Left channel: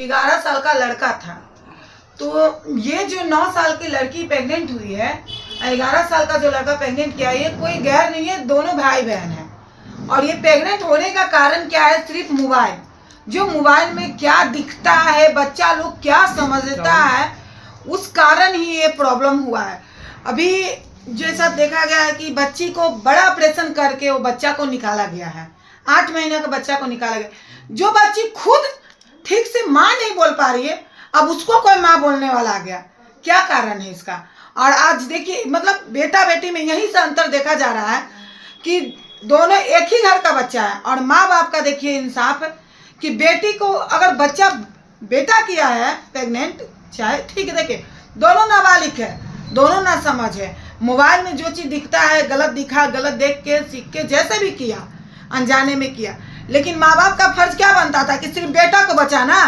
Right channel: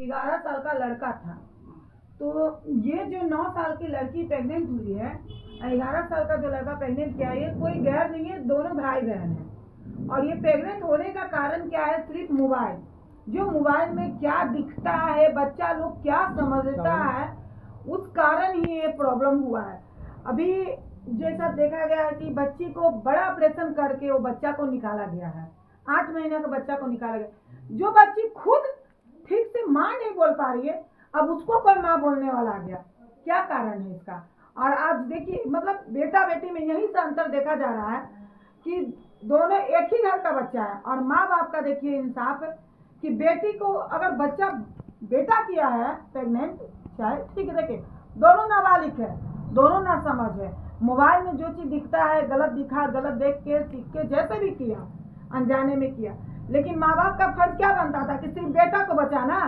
11 साल का लड़का था। तो ये जो 9 साल की लड़की प्रेग्नेंट हुई है, 11 साल का जो लड़का प्रेग्नेंट किया, ये कोई गैर नहीं है, दोनों भाई बहन है। और ये प्रेग्नेंट होने का कारण क्या है? सिर्फ मोबाइल। जो मोबाइल में क्या दिखता है, बच्चा लोग क्या समझता है, उस कारण ही ये प्रॉब्लम हुआ है। अभी जैसा देखा गया है कि बच्ची को बड़ा ऑपरेशन करके वो बच्चा को निकाला गया है। 8 महीने का बच्चा को निकाला गया। जो बच्ची खुद ठीक से माँ नहीं बोल पा रही है, अब उसको कोई माँ बोलने वाला आ गया। क्या कारण है इसका? और आज देखिए, मतलब बेटा बेटी में यही से अंतर देखा जा रहा है कि दोनों एक ही घर का बच्चा है। और माँ बाप का देखिए इंसाफ कि बेटी को अगर बच्चा बेटा किया है प्रेग्नेंट, चाहे ठीक है, देखिए दोनों नाबालिग है, दोनों ना समझ है। मोबाइल में जो चीज दिखता है, गलत दिखा, गलत देख के सीख के जैसे भी किया, अनजाने में किया। लेकिन माँ बाप का फर्ज क्या बनता था कि सिर्फ बेटा को बचाना।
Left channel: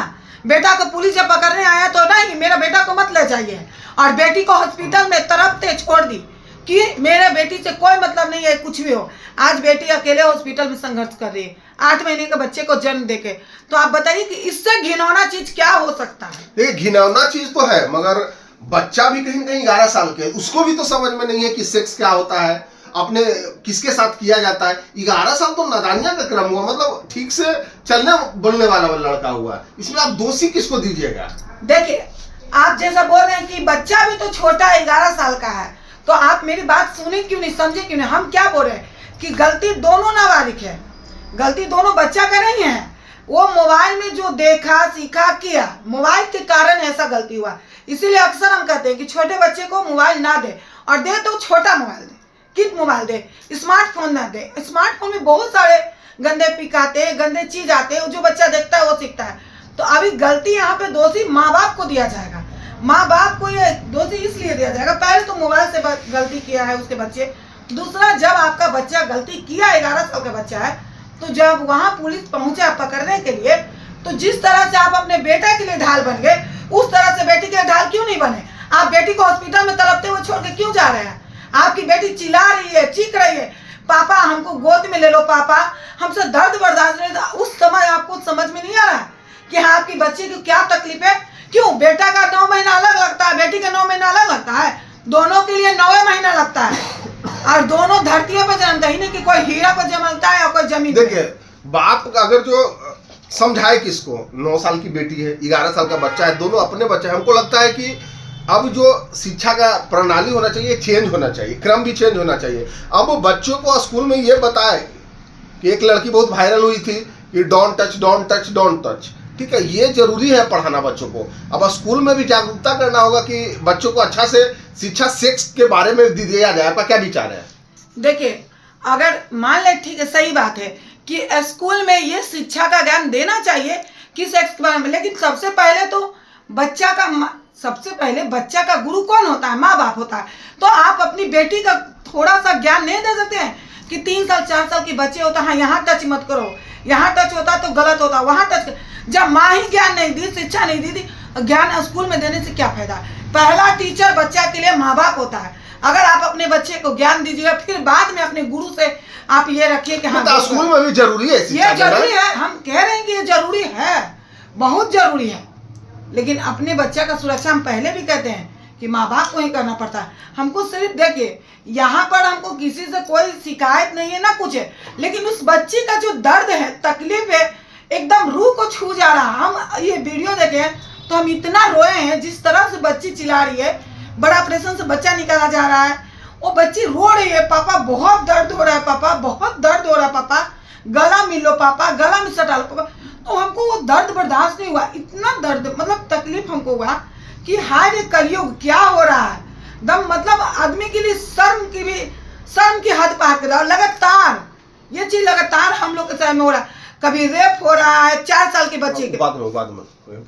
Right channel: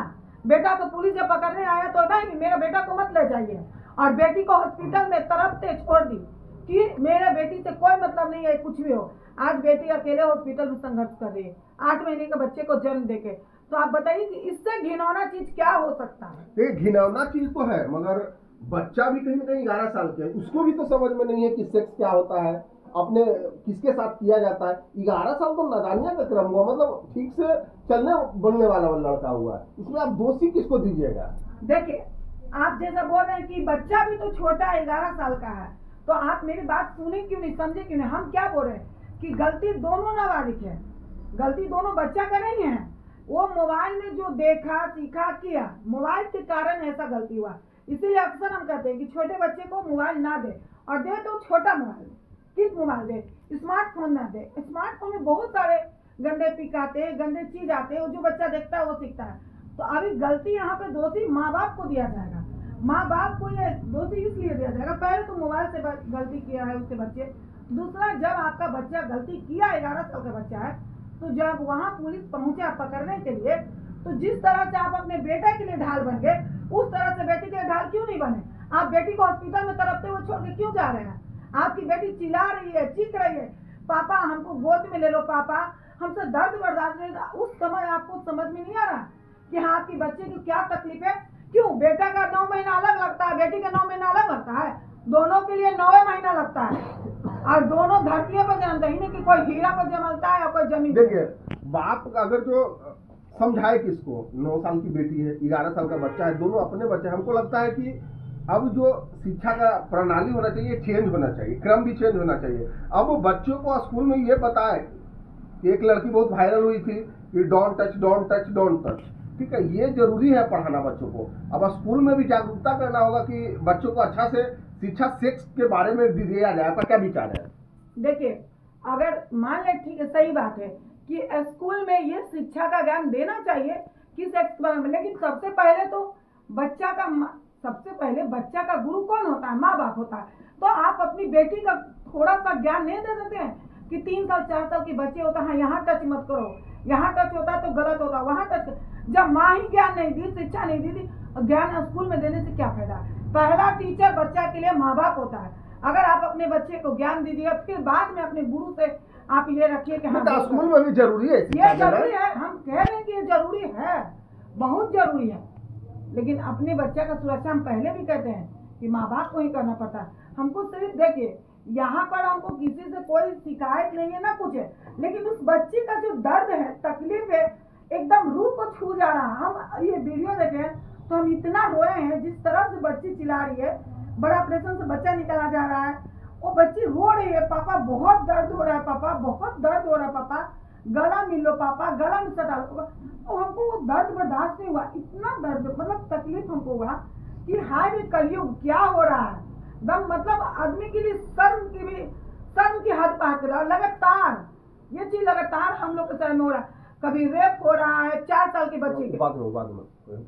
बेटा को पुलिस जब पकड़ने आया तो नहीं, मेरा बेटा को मत ले जाइए, और बेटी को हॉस्पिटल में तरफते छोड़ दी कि मेरे बेटी से कोई मतलब नहीं है, कुछ भी हो। आज बेटी अकेले हॉस्पिटल में संघर्ष कर रही है 8 महीने के बच्चे को जन्म देके। तो आप बताइए कि इससे घिनौना चीज क्या हो सकता है? देखिए, घिनौना चीज तो है, मगर बच्चा भी कहीं कहीं 11 साल के, उसको भी तो समझ में नहीं है कि सेक्स क्या होता है, अपने किसके साथ किया जाता है। 11 साल तो नादानिया का क्रम हुआ, मतलब ठीक से चलने बोलने वाला लड़का हुआ। इसमें आप दोषी किसको दीजिएगा? देखिए, आप जैसा बोल रहे हैं कि बच्चा भी तो छोटा है, 11 साल का है, तो आप मेरी बात सुने क्यों नहीं, समझे क्यों नहीं? हम क्या बोल रहे हैं कि गलती दोनों नाबालिग है, गलती दोनों बच्चा का नहीं है। वो मोबाइल में जो देखा, सीखा, किया, मोबाइल के कारण ऐसा गलती हुआ। इसीलिए अक्सर हम कहते हैं कि छोटे बच्चे को मोबाइल ना दे, और दे तो छोटा मोबाइल दे, किड मोबाइल दे, स्मार्टफोन ना दे। स्मार्टफोन में बहुत सारे गंदे पिक आते हैं, गंदे चीज आते हैं, जो बच्चा देखता है वो सीखता है। तो अभी गलती यहाँ पे दोषी माँ बाप को दिया जाएगा। माँ बाप को ये दोषी इसलिए दिया जाएगा, पहले तो मोबाइल से गलती किया है उसके बच्चे। दूसरा, जब आपका बच्चा गलती किया, 11 साल का बच्चा है, तो जब वहां पुलिस पहुंचा पकड़ने के लिए, तो जिस तरह से आप अपने बेटे के लिए ढाल बन गए, उस तरह से बेटी के लिए ढाल क्यों नहीं बने? आप बेटी को हॉस्पिटल में तड़पते हुए छोड़ के क्यों जा रहे हैं? आपकी बेटी चिल्ला रही है, चीख रही है, पापा हमको गोद में ले लो, पापा हमसे दर्द बर्दाश्त नहीं था। उस समय आपको समझ में नहीं आ रहा कि हाँ, आपकी बच्ची की क्या तकलीफ है? क्यों? बेटा का 9 महीना अलग लगता है, बेटी का 9 महीना अलग लगता है, दोनों के लिए 9 महीना लगता है। और दोनों धरतियों पर जन्मता ही नहीं कि कोई हीरा पर जन्मता है और कोई जमीन। देखिए, बाप अगर जो समझाए किसको, 9 साल की बेटी है, 11 साल का बच्चा है, दोनों अपने बच्चे हैं। हमको लगता है कि अब जो शिक्षा का प्रणाली होना चाहिए, चेंज होना चाहिए, क्रम भी चेंज होना चाहिए। अब वो बच्चों को स्कूल में ये बताए कि एक लड़की बहुत वायरल हुई थी कि don't touch, don't touch, don't touch. ठीक है, ये जरूरी है पढ़ाना बच्चों को। अब स्कूल में भी जागरूकता करना होगा कि बच्चों को अच्छा से शिक्षा सेक्स के बारे में दिया जाए। आपका क्या विचार है? देखिए, अगर मान ले, ठीक है, सही बात है कि स्कूल में ये शिक्षा का ज्ञान देना चाहिए कि सेक्स के बारे में, लेकिन सबसे पहले बच्चा का गुरु कौन होता है? माँ बाप होता है। तो आप अपनी बेटी का थोड़ा सा ज्ञान नहीं दे सकते हैं कि 3 साल 4 साल के बच्चे होता है, यहाँ टच मत करो, यहाँ टच होता तो गलत होता, वहाँ टच। जब माँ ही ज्ञान नहीं दी, शिक्षा नहीं दी, ज्ञान स्कूल में देने से क्या फायदा? पहला टीचर बच्चा के लिए माँ बाप होता है। अगर आप अपने बच्चे को ज्ञान दीजिएगा, फिर बाद में अपने गुरु से आप ये रखिए कि हाँ, स्कूल में भी जरूरी है, ये जरूरी है। हम कह रहे हैं कि ये जरूरी है, बहुत जरूरी है, लेकिन अपने बच्चा का सुरक्षा हम पहले भी कहते हैं कि माँ बाप को ही करना पड़ता है। हमको सिर्फ देखिए, यहाँ पर हमको किसी से कोई शिकायत नहीं है ना कुछ है, लेकिन उस बच्ची का जो दर्द है, तकलीफ है, एकदम रूह को छू जा रहा। हम ये वीडियो देखे तो हम इतना रोए हैं, जिस तरह से बच्ची चिल्ला रही है। बड़ा ऑपरेशन से बच्चा निकाला जा रहा है, वो बच्ची रो रही है, पापा बहुत दर्द हो रहा है, पापा बहुत दर्द हो रहा है, पापा गला मिल लो, पापा गला में सटा लो, पापा। तो हमको वो दर्द बर्दाश्त नहीं हुआ, इतना दर्द, मतलब तकलीफ हमको हुआ कि हाय रे कलयुग, क्या हो रहा है? दम, मतलब आदमी के लिए शर्म की हद पार कर रहा है। लगातार ये चीज लगातार हम लोग के समय में हो रहा है। कभी रेप हो रहा है 4 साल के बच्चे के। बाद में